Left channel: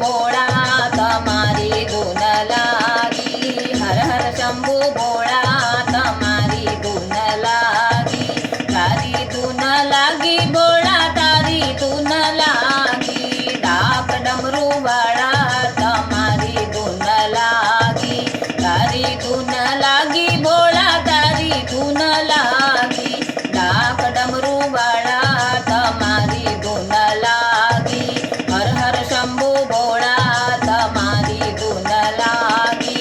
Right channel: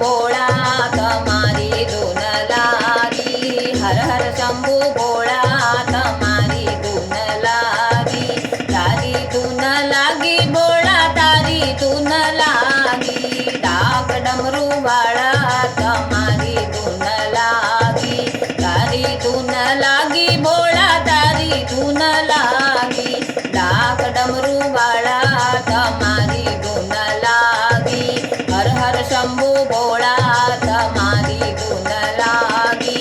भोळा तमारी धून लागी। हर हर शंभू भोळा तमारी धून लागी। तारी धून लागी भोळा तारी धून लागी। डाक डमरू वाळा तमारी धून लागी। तारी धून लागी भोळा तारी धून लागी। डाक डमरू वाळा तमारी धून लागी। हर हर शंभू भोळा तमारी धून लागी।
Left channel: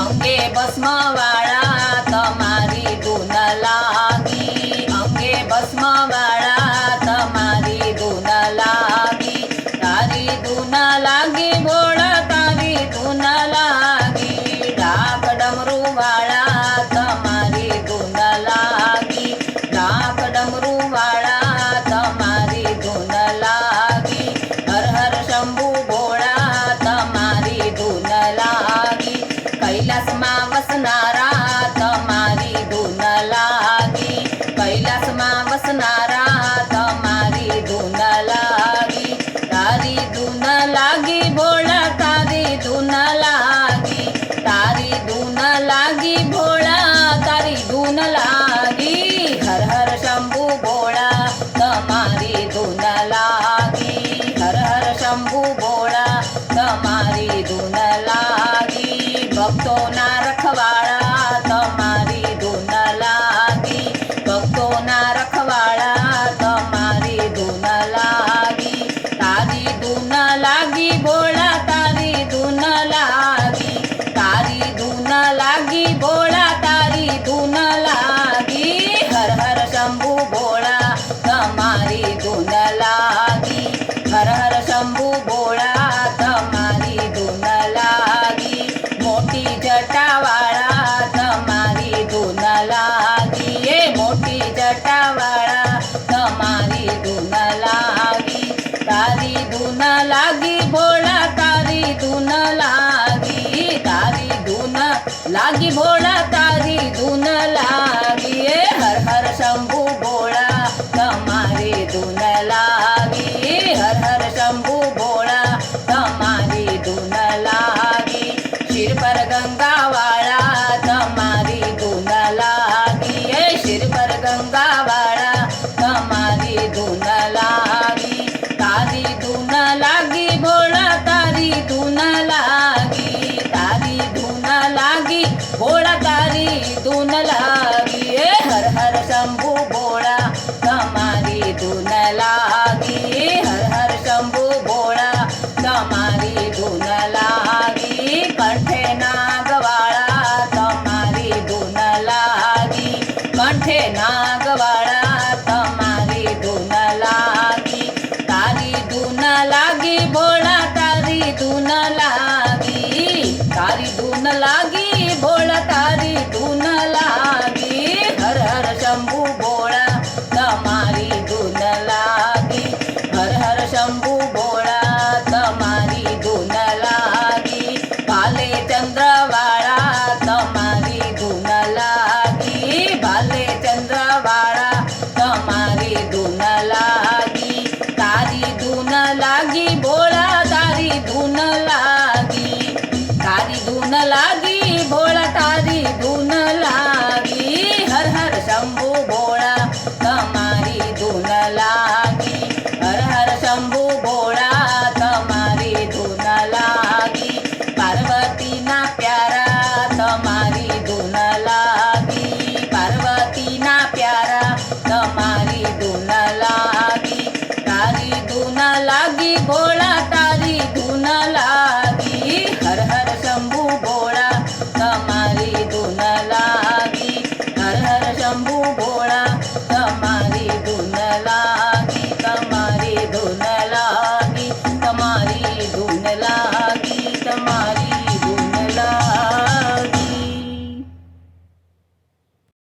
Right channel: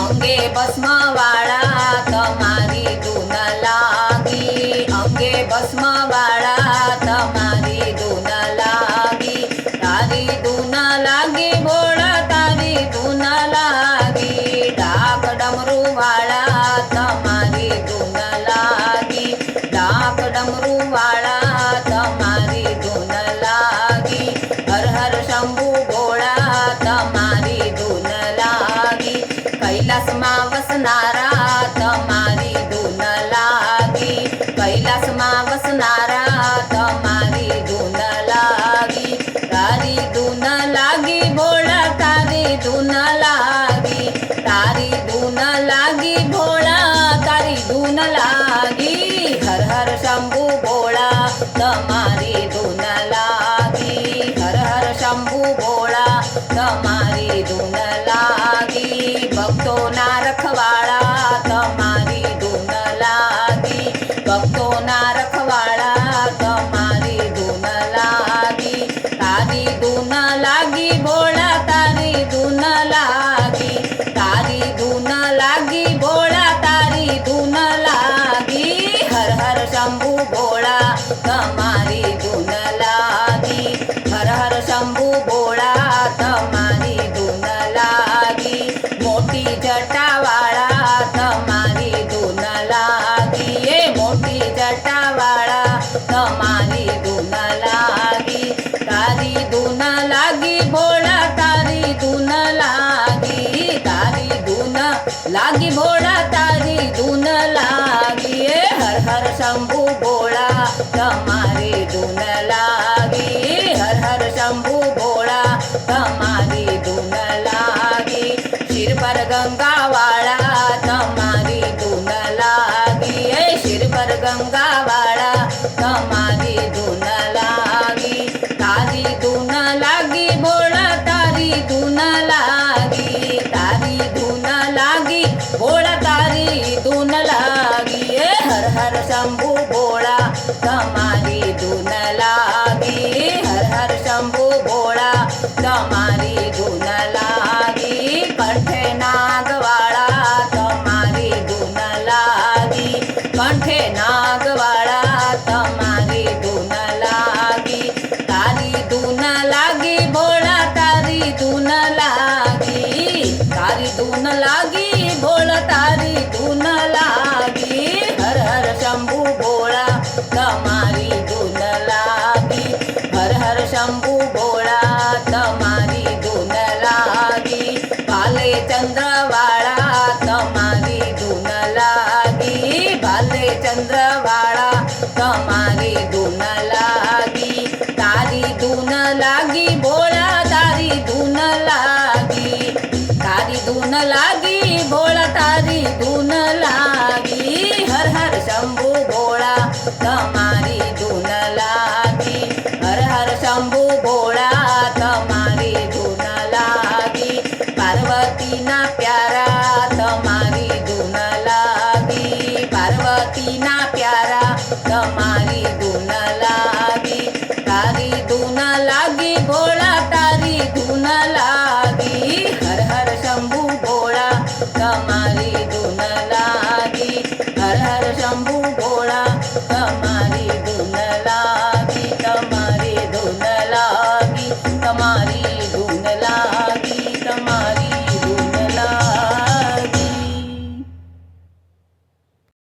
अंगे भस्म वाळा तमारी धून लागी। अंगे भस्म वाळा तमारी धून लागी। तारी धून लागी भोळा तारी धून लागी। डाक डमरू वाळा तमारी धून लागी। डाक डमरू वाळा तमारी धून लागी। हर हर शंभू भोळा तमारी धून लागी। कैलास मा वसनारा तमारी धून लागी। कैलास मा वसनारा तमारी धून लागी। तारी धून लागी भोळा तारी धून लागी। तारी धून लागी भोळा तारी धून लागी। हर हर शंभू भोळा तमारी धून लागी। हर हर शंभू भोळा तमारी धून लागी। भक्तो ना रखवाळा तमारी धून लागी। भक्तो ना रखवाळा तमारी धून लागी। तारी धून लागी भोळा तारी धून लागी। तारी धून लागी भोळा तारी धून लागी। हर हर शंभू भोळा तमारी धून लागी। हर हर शंभू भोळा तमारी धून लागी। मोठी जटावाळा तमारी धून लागी। ये मोठी जटावाळा तमारी धून लागी। तारी धून लागी भोळा तारी धून लागी। तारी धून लागी भोळा तारी धून लागी। ये हर हर शंभू भोळा तमारी धून लागी। हर हर शंभू भोळा तमारी धून लागी। शिर पर गंगा वाळा तमारी धून लागी। ये शिर पर गंगा वाळा तमारी धून लागी। तारी धून लागी भोळा तारी धून लागी। तारी धून लागी भोळा तारी धून लागी। ये हर हर शंभू भोळा तमारी धून लागी। हर हर शंभू भोळा तमारी धून लागी। कंठे नागवाळा तमारी धून लागी। कंठे नागवाळा तमारी धून लागी। तारी धून लागी भोळा तारी धून लागी। तारी धून लागी भोळा तारी धून लागी। हर हर शंभू भोळा तमारी धून लागी। हर हर शंभू भोळा तमारी धून लागी। भाले चंद्रवाळा तमारी धून लागी। भाले चंद्रवाळा तमारी धून लागी। तारी धून लागी भोळा तारी धून लागी। तारी धून लागी भोळा तारी धून लागी। हर हर शंभू भोळा तमारी धून लागी। हर हर शंभू भोळा तमारी धून लागी। पार्वती ना प्यारा तमारी धून लागी। पार्वती ना प्यारा तमारी धून लागी। तारी धून लागी भोळा तारी धून लागी।